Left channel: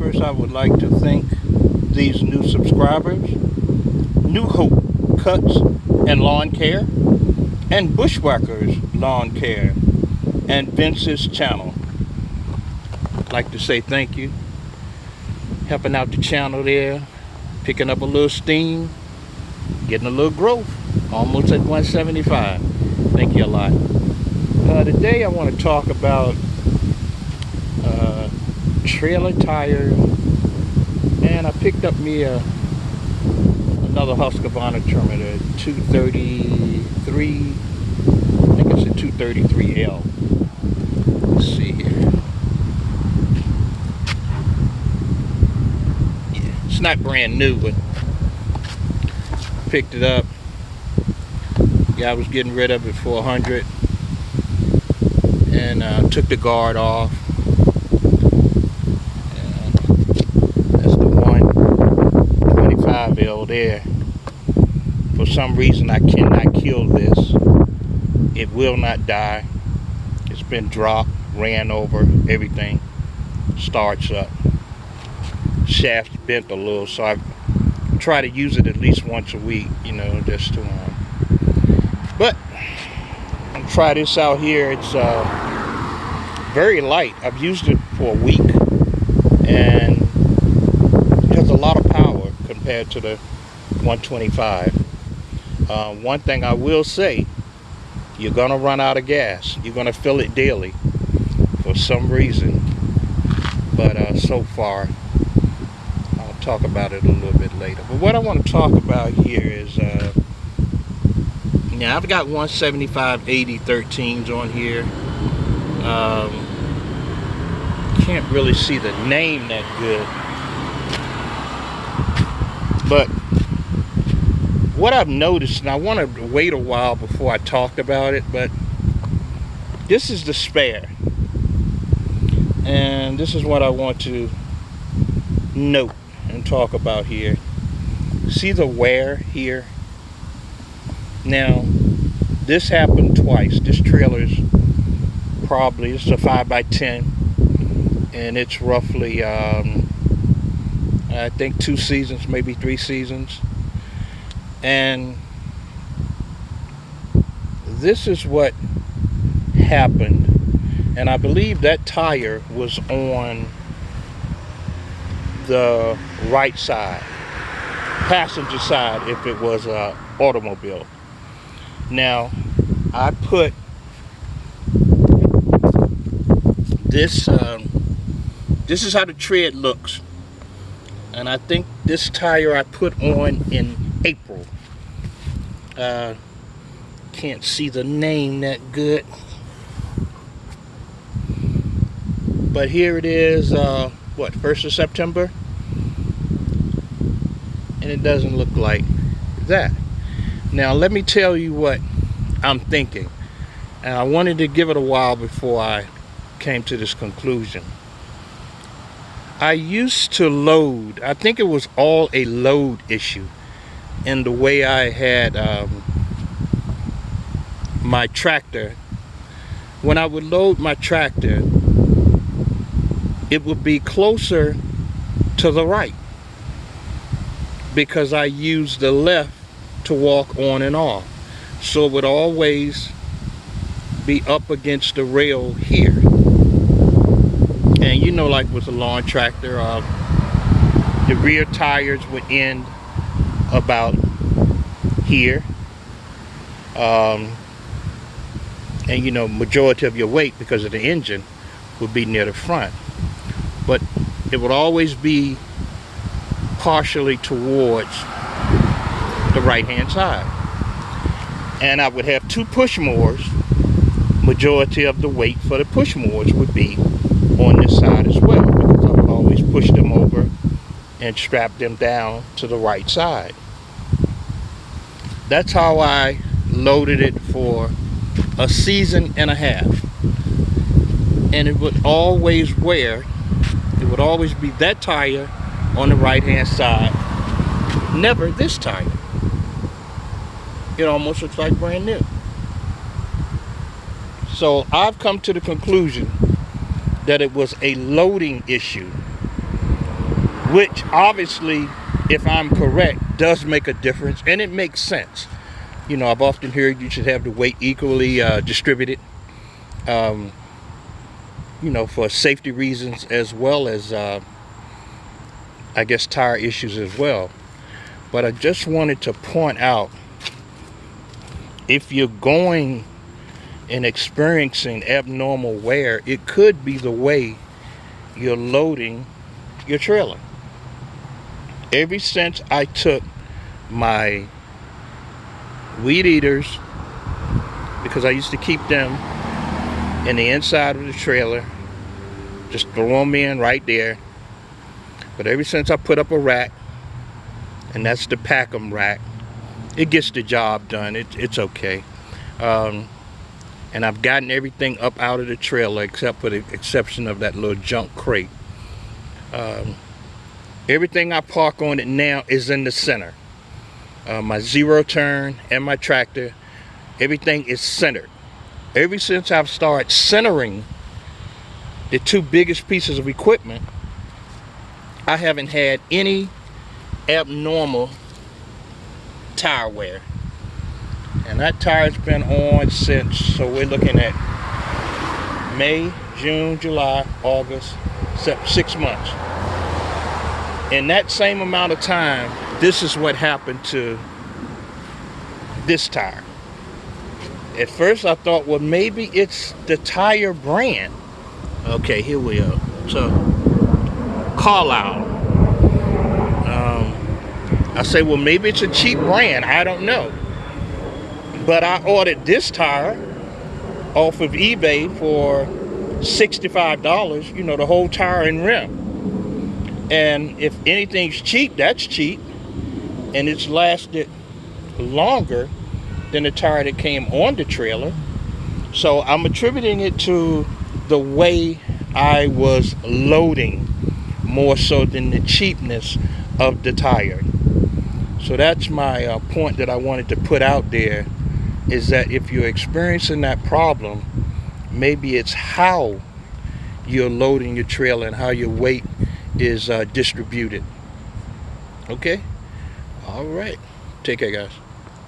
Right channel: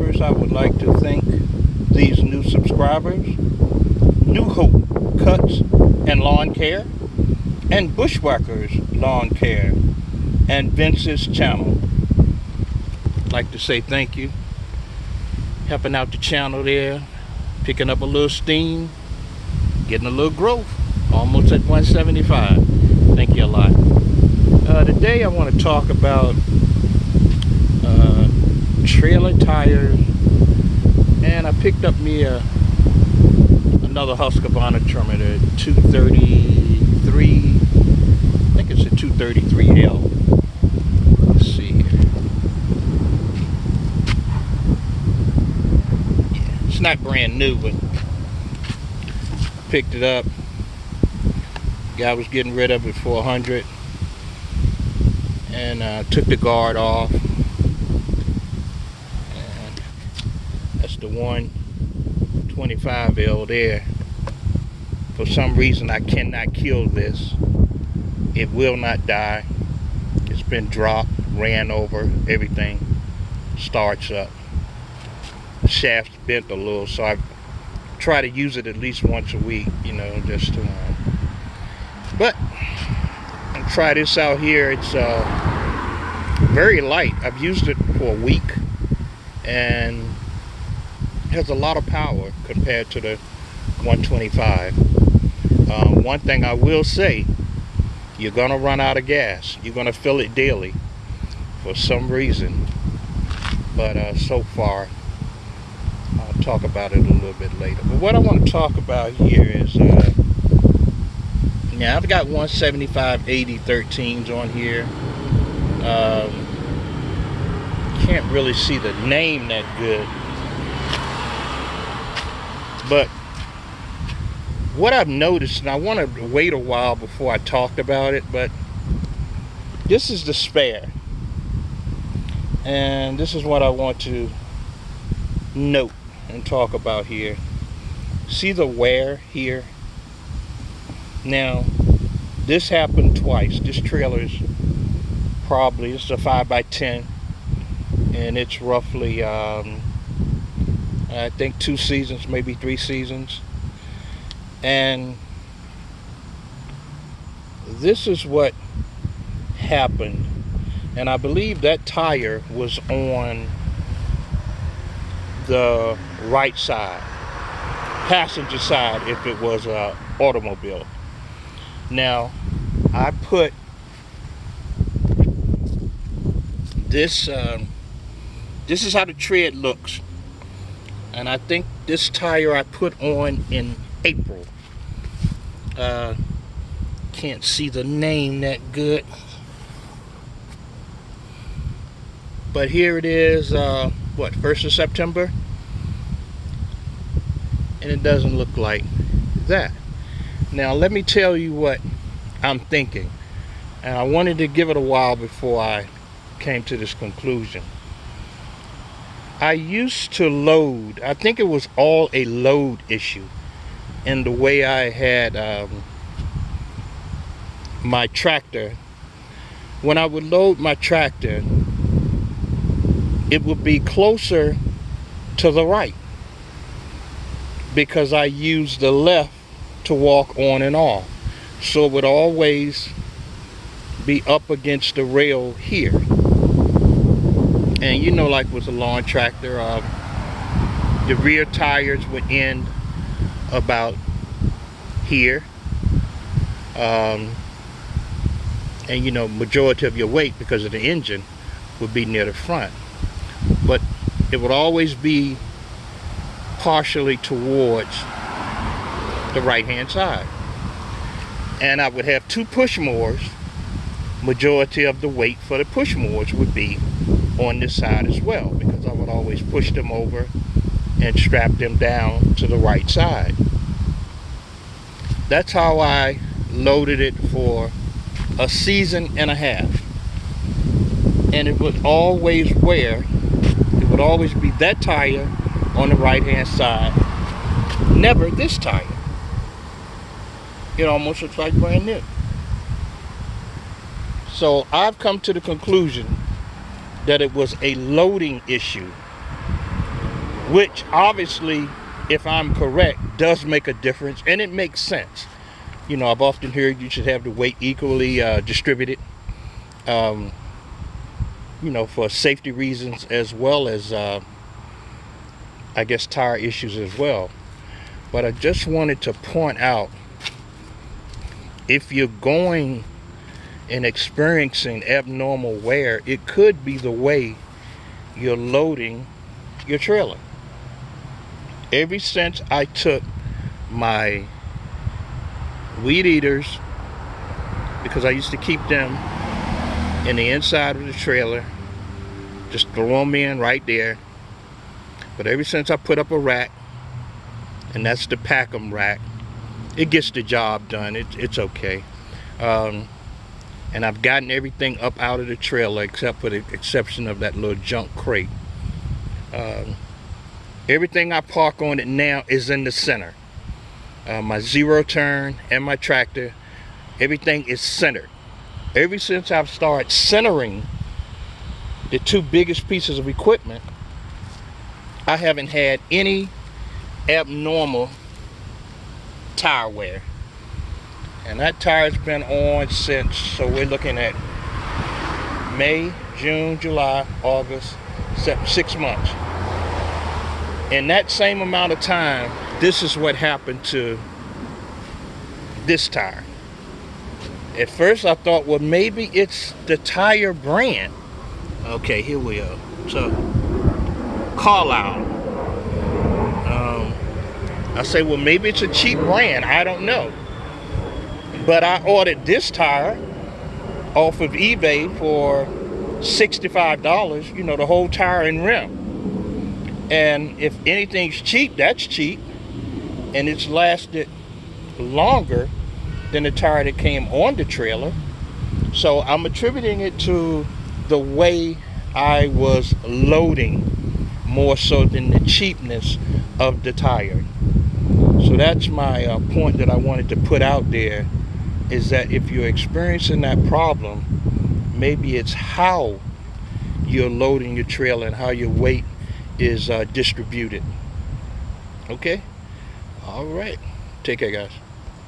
First, I would like to thank these new subscribers, New Hope Cuts and Lawn Care, and Bushwhackers Lawn Care, and Vince's channel. I'd like to say thank you. Helping out the channel there, picking up a little steam, getting a little growth, almost at 175. Thank you a lot. Today I want to talk about trailer tires, and I picked up me another Husqvarna trimmer, 233. I think it's a 233L. Let's see here. Yeah, it's not brand new, but picked it up. Guy was getting rid of it for 100, and took the guard off. And that's the 125L there. For some reason, I cannot kill this. It will not die. It's been dropped, ran over, everything. Starts up. The shaft's bent a little, so I try to use it at least once a week, you know, just to but I'll try this out here. It's very light. I've used it for a week, and it has a lot of power compared to the 125. One thing I will say, you're gonna run out of gas. You're gonna fill it daily for some reason, but so far I'll talk about it a little bit later. But what I want to talk about here is now I've got 175 80 13s on here. Can't really see the name that good, but what I've noticed, and I wanted to wait a while before I talked about it, but this is the spare, and this is what I want to note and talk about here. See the wear here? Now, this happened twice. This trailer's probably, this is a 5x10, and it's roughly I think 2 seasons, maybe 3 seasons. And this is what happened, and I believe that tire was on the right side, passenger side, if it was a automobile. Now I put this this is how the tread looks, and I think this tire I put on in April. Can't see the name that good, but here it is, what, 1st of September, and it doesn't look like that. Now let me tell you what I'm thinking, and I wanted to give it a while before I came to this conclusion. I used to load, I think it was all a load issue, in the way I had my tractor. When I would load my tractor, it would be closer to the right because I used the left to walk on and off, so it would always be up against the rail here. And you know, like with a lawn tractor, the rear tires would end about here, and you know, majority of your weight, because of the engine, would be near the front, but it would always be partially towards the right hand side. And I would have 2 push mowers. Majority of the weight for the push mowers would be on this side as well, because I would always push them over and strap them down to the right side. That's how I loaded it for a season and a half, and it would always wear, it would always be that tire on the right hand side, never this tire. It almost looks like brand new. So I've come to the conclusion that it was a loading issue which obviously, if I'm correct, does make a difference, and it makes sense. You know, I've often heard you should have the weight equally distributed, you know, for safety reasons, as well as I guess tire issues as well. But I just wanted to point out, if you're going and experiencing abnormal wear, it could be the way you're loading your trailer. Ever since I took my weed eaters, because I used to keep them in the inside of the trailer, just throw them in right there. But ever since I put up a rack, and that's the pack 'em rack, it gets the job done. It's okay. And I've gotten everything up out of the trailer except for the exception of that little junk crate. Everything I park on it now is in the center. My zero turn and my tractor, everything is centered. Ever since I've started centering the two biggest pieces of equipment, I haven't had any abnormal tire wear. And that tire's been on since, so we're looking at May, June, July, August, 6 months. In that same amount of time, this is what happened to this tire. At first I thought, well, maybe it's the tire brand. Okay, here we are. So, Carlisle. I say, well, maybe it's a cheap brand. I don't know. But I ordered this tire off of eBay for $65, you know, the whole tire and rim. And if anything's cheap, that's cheap. And it's lasted longer than the tire that came on the trailer. So I'm attributing it to the way I was loading more so than the cheapness of the tire. So that's my point that I wanted to put out there, is that if you're experiencing that problem, maybe it's how you're loading your trailer and how your weight is distributed. Okay? All right. Take care, guys.